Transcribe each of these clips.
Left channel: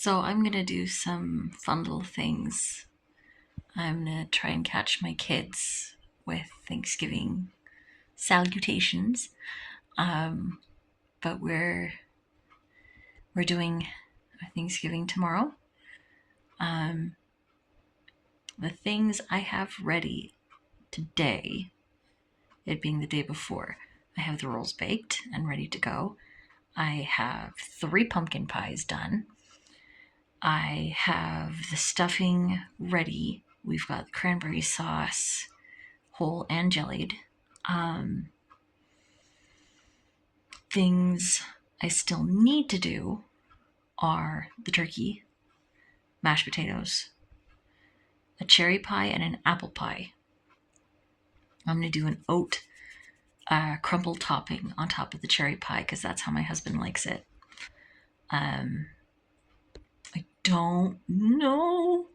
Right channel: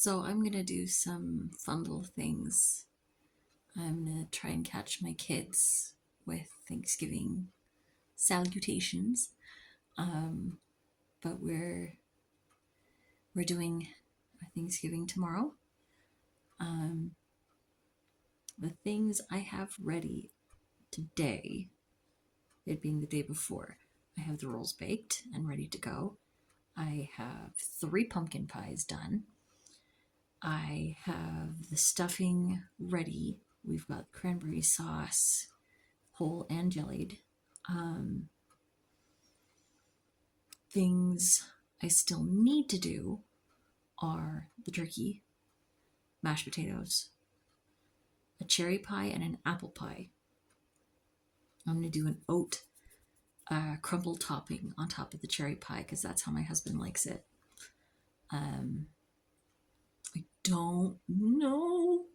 So I'm gonna do some fun little things. I'm gonna try and catch my kids with Thanksgiving salutations. Um, but we're doing Thanksgiving tomorrow. Um, the things I have ready today, it being the day before, I have the rolls baked and ready to go. I have 3 pumpkin pies done. I have the stuffing ready. We've got cranberry sauce, whole and jellied. Um, Things I still need to do are the turkey, mashed potatoes, a cherry pie, and an apple pie. I'm going to do an oat crumble topping on top of the cherry pie because that's how my husband likes it. Um, I don't know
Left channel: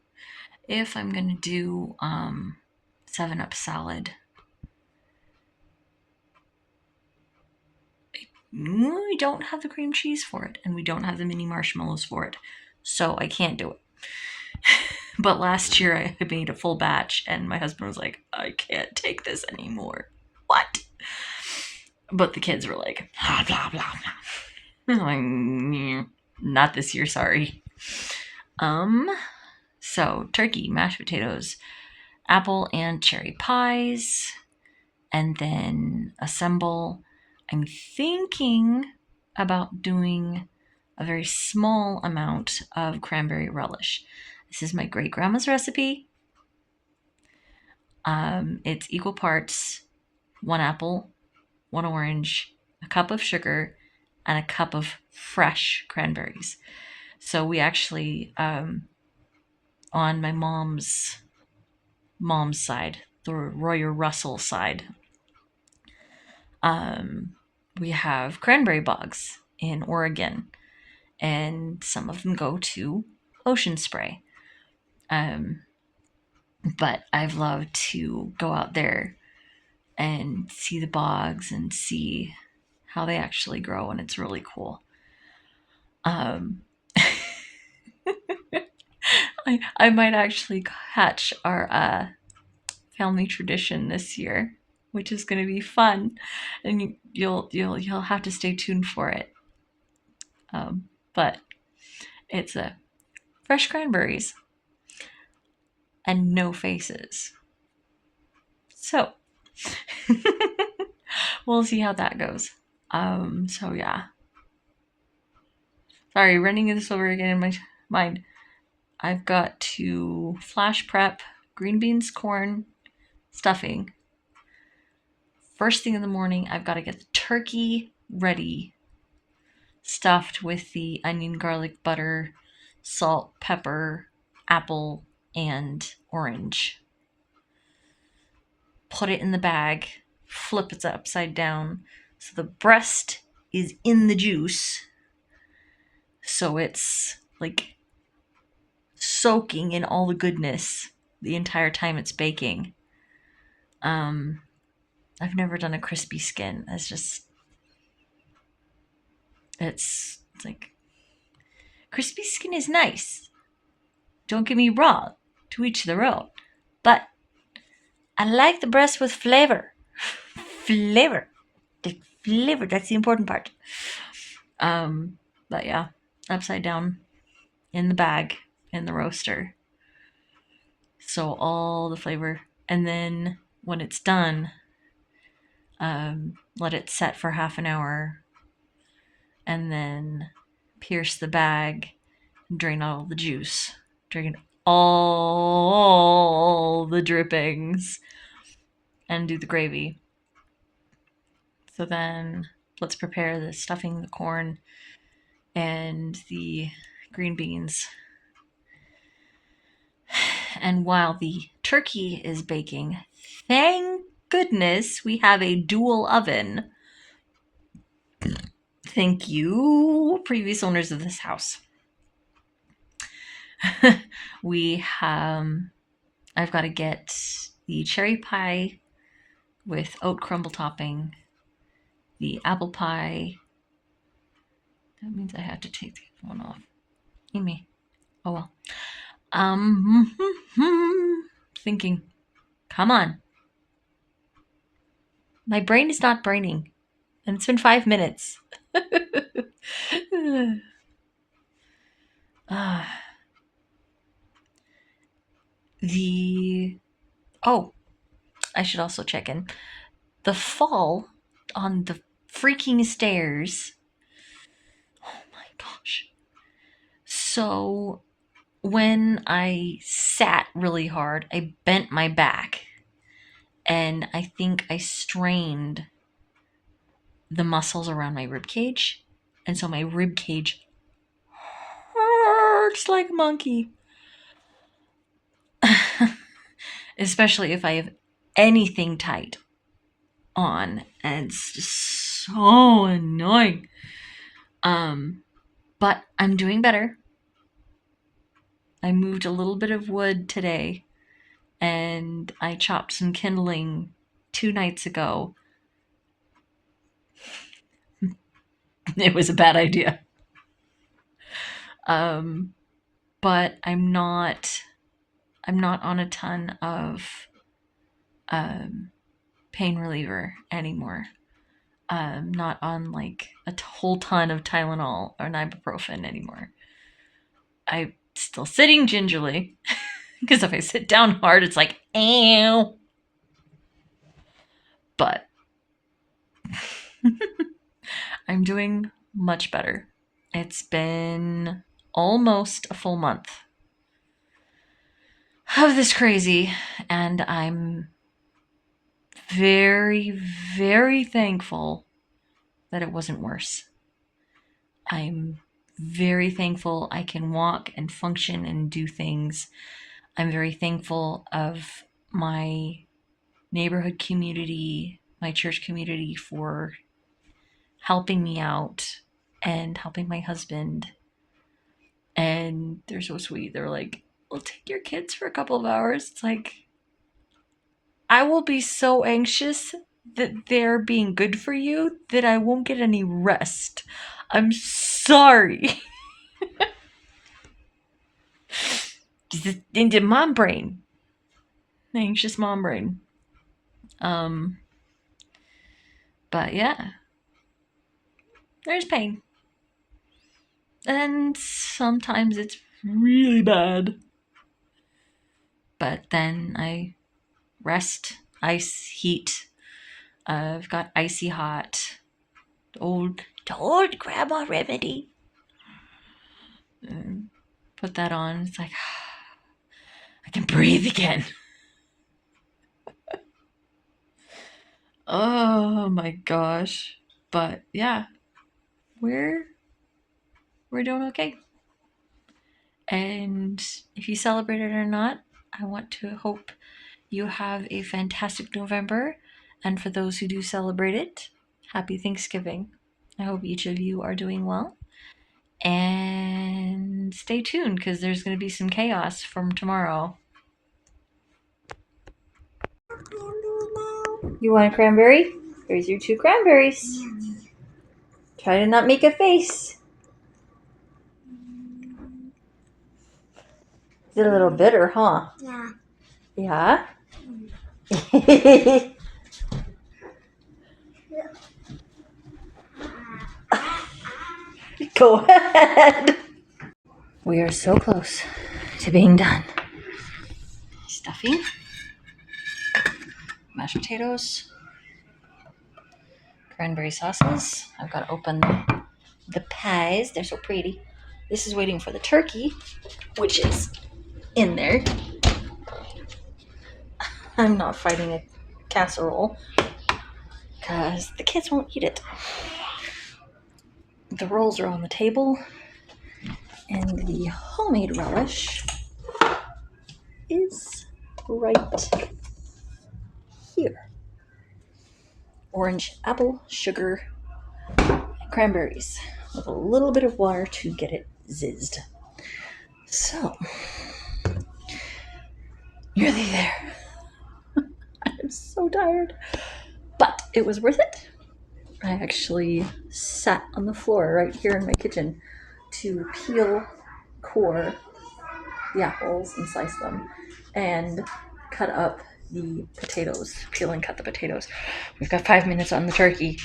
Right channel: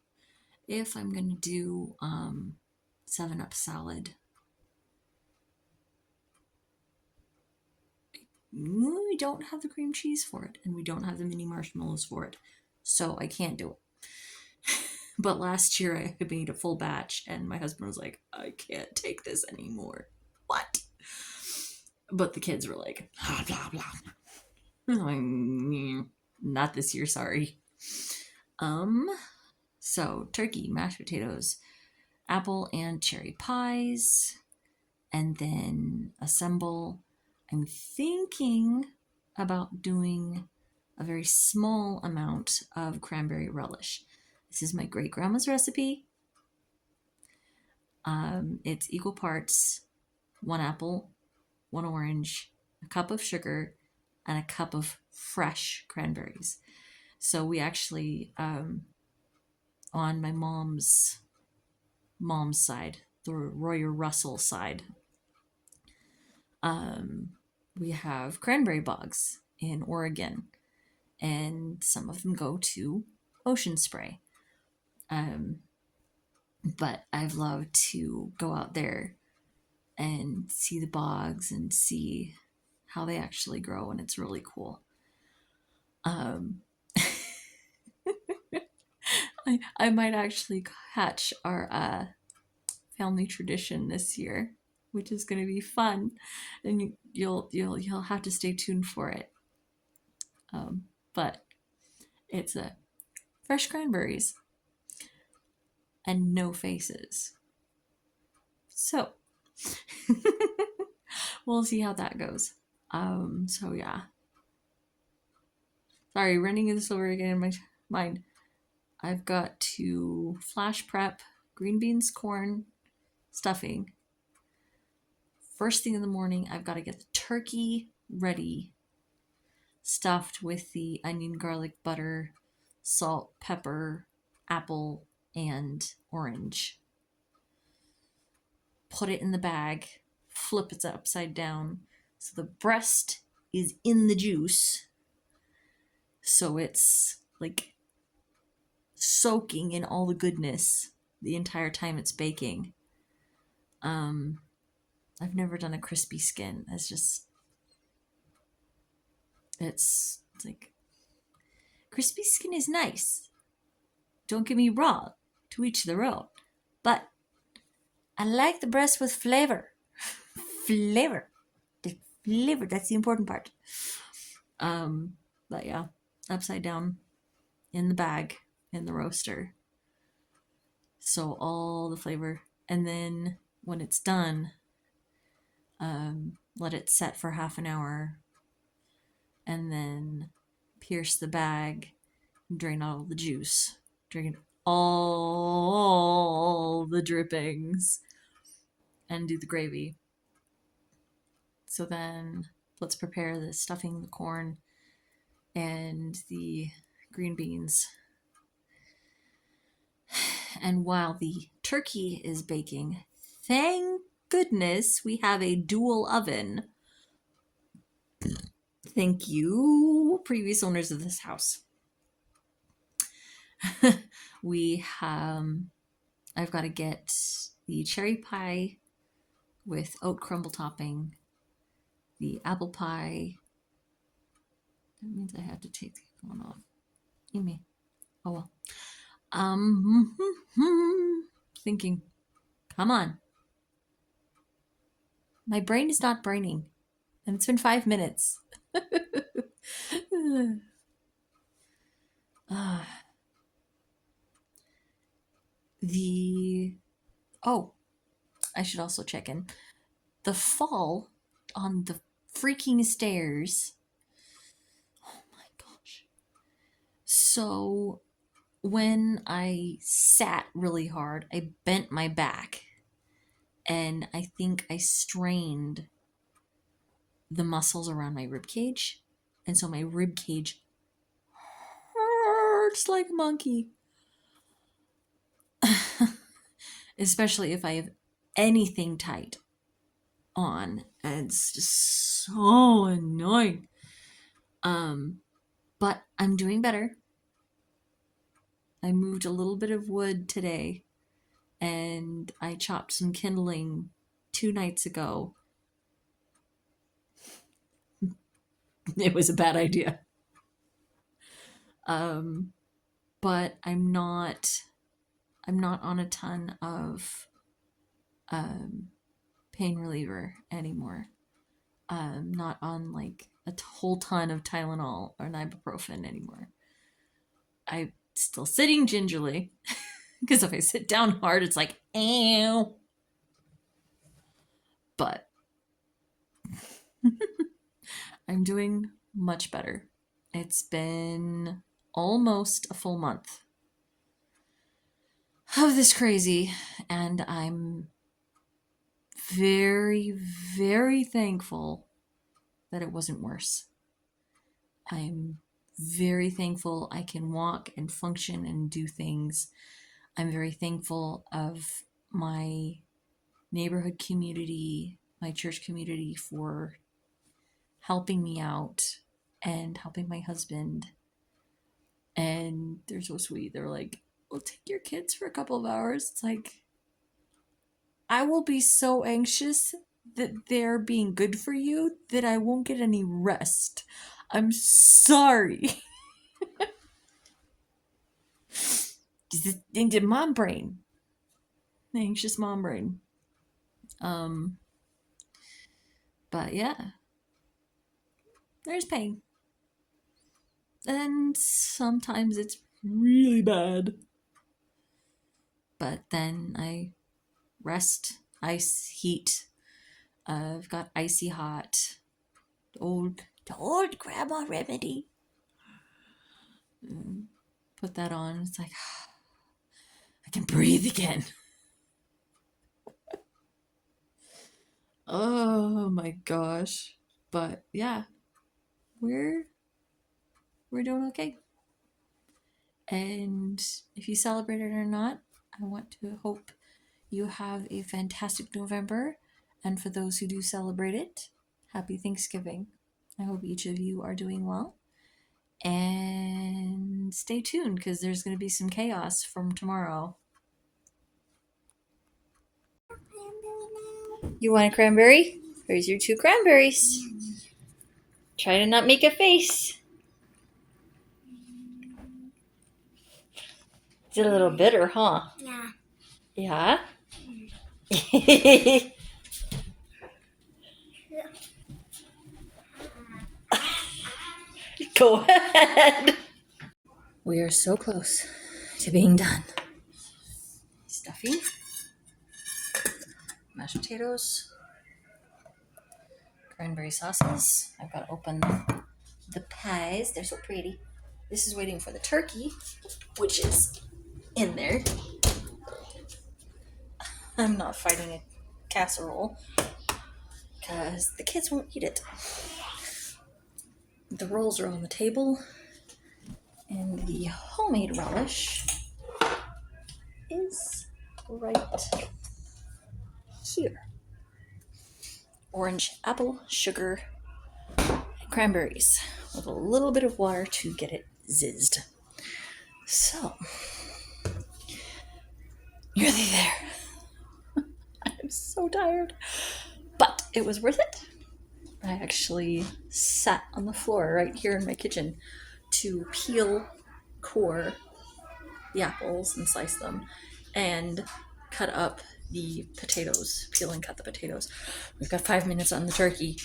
if I'm going to do 7-Up salad. We don't have the cream cheese for it, and we don't have the mini marshmallows for it, so I can't do it. But last year I made a full batch, and my husband was like, I can't take this anymore. What? But the kids were like, blah, blah, blah, blah. I'm like, not this year, sorry. So turkey, mashed potatoes, apple and cherry pies, and then assemble. I'm thinking about doing a very small amount of cranberry relish. This is my great grandma's recipe. It's equal parts 1 apple, 1 orange, a cup of sugar, and a cup of fresh cranberries. So we actually, on my mom's side, the Royer Russell side, we have cranberry bogs in Oregon, and some of them go to Ocean Spray. But I've loved to go out there and see the bogs and see how they actually grow, and it's really cool. I might actually hatch our family tradition this year, which is going to be fun, and you'll have to stay tuned for it. But it's a fresh cranberries and no faces. So we'll see how that goes. So yeah. Sorry, running this over again in my mind. I've got to flash prep green beans, corn, stuffing. First thing in the morning, I've got to get the turkey ready, stuffed with the onion, garlic, butter, salt, pepper, apple, and orange. Put it in the bag, flip it upside down so the breast is in the juice. So it's like soaking in all the goodness the entire time it's baking. I've never done a crispy skin. It's like, crispy skin is nice. Don't get me wrong, to each their own. But I like the breast with flavor. Flavor. The flavor, that's the important part. But yeah, upside down in the bag in the roaster. So all the flavor. And then when it's done, let it set for half an hour, and then pierce the bag and drain all the juice. Drain all the drippings and do the gravy. So then let's prepare the stuffing, the corn, and the green beans. And while the turkey is baking, thank goodness we have a dual oven. Thank you, previous owners of this house. I've got to get the cherry pie with oat crumble topping, the apple pie. That means I have to take the one off. Amy, Oh well. Um, thinking, come on. My brain is not braining, and it's been 5 minutes. Ah, the oh, I should also check in. The fall on the freaking stairs. Oh my gosh. So when I sat really hard, I bent my back and I think I strained the muscles around my rib cage. And so my rib cage hurts like a monkey. Especially if I have anything tight on. And it's just so annoying. But I'm doing better. I moved a little bit of wood today and I chopped some kindling 2 nights ago. It was a bad idea. But I'm not on a ton of pain reliever anymore. Not on like a whole ton of Tylenol or ibuprofen anymore. I'm still sitting gingerly because if I sit down hard, it's like, ow. But I'm doing much better. It's been almost a full month of this crazy, and I'm very, very thankful that it wasn't worse. I'm very thankful I can walk and function and do things. I'm very thankful of my neighborhood community, my church community for helping me out and helping my husband. And they're so sweet. They're like, we'll take your kids for a couple of hours. It's like, I will be so anxious that they're being good for you that I won't get any rest. I'm sorry. Into mom brain. Anxious mom brain. But yeah. There's pain. And sometimes it's really bad. But then I rest, ice, heat. I've got icy hot. The old grandma remedy. Put that on. It's like, I can breathe again. Oh my gosh. But yeah, we're doing okay. And if you celebrate it or not, I want to hope you have a fantastic November. And for those who do celebrate it, happy Thanksgiving. I hope each of you are doing well. And stay tuned because there's going to be some chaos from tomorrow. You want a cranberry? There's your 2 cranberries. Try to not make a face. It's a little bitter, huh? Yeah. Yeah? Go ahead. We are so close to being done. Stuffing, mashed potatoes, cranberry sauces. I've got to open the pies. They're so pretty. This is waiting for the turkey, which is in there. I'm not fighting a casserole because the kids won't eat it. The rolls are on the table, and the homemade relish is right here. Orange, apple, sugar, and cranberries with a little bit of water to get it zizzed. So, nearly there. I'm so tired, but it was worth it. I actually sat on the floor right here in my kitchen to peel core the apples and slice them, and cut up the potatoes. Peel and cut the potatoes. We've got 5 minutes on the turkey.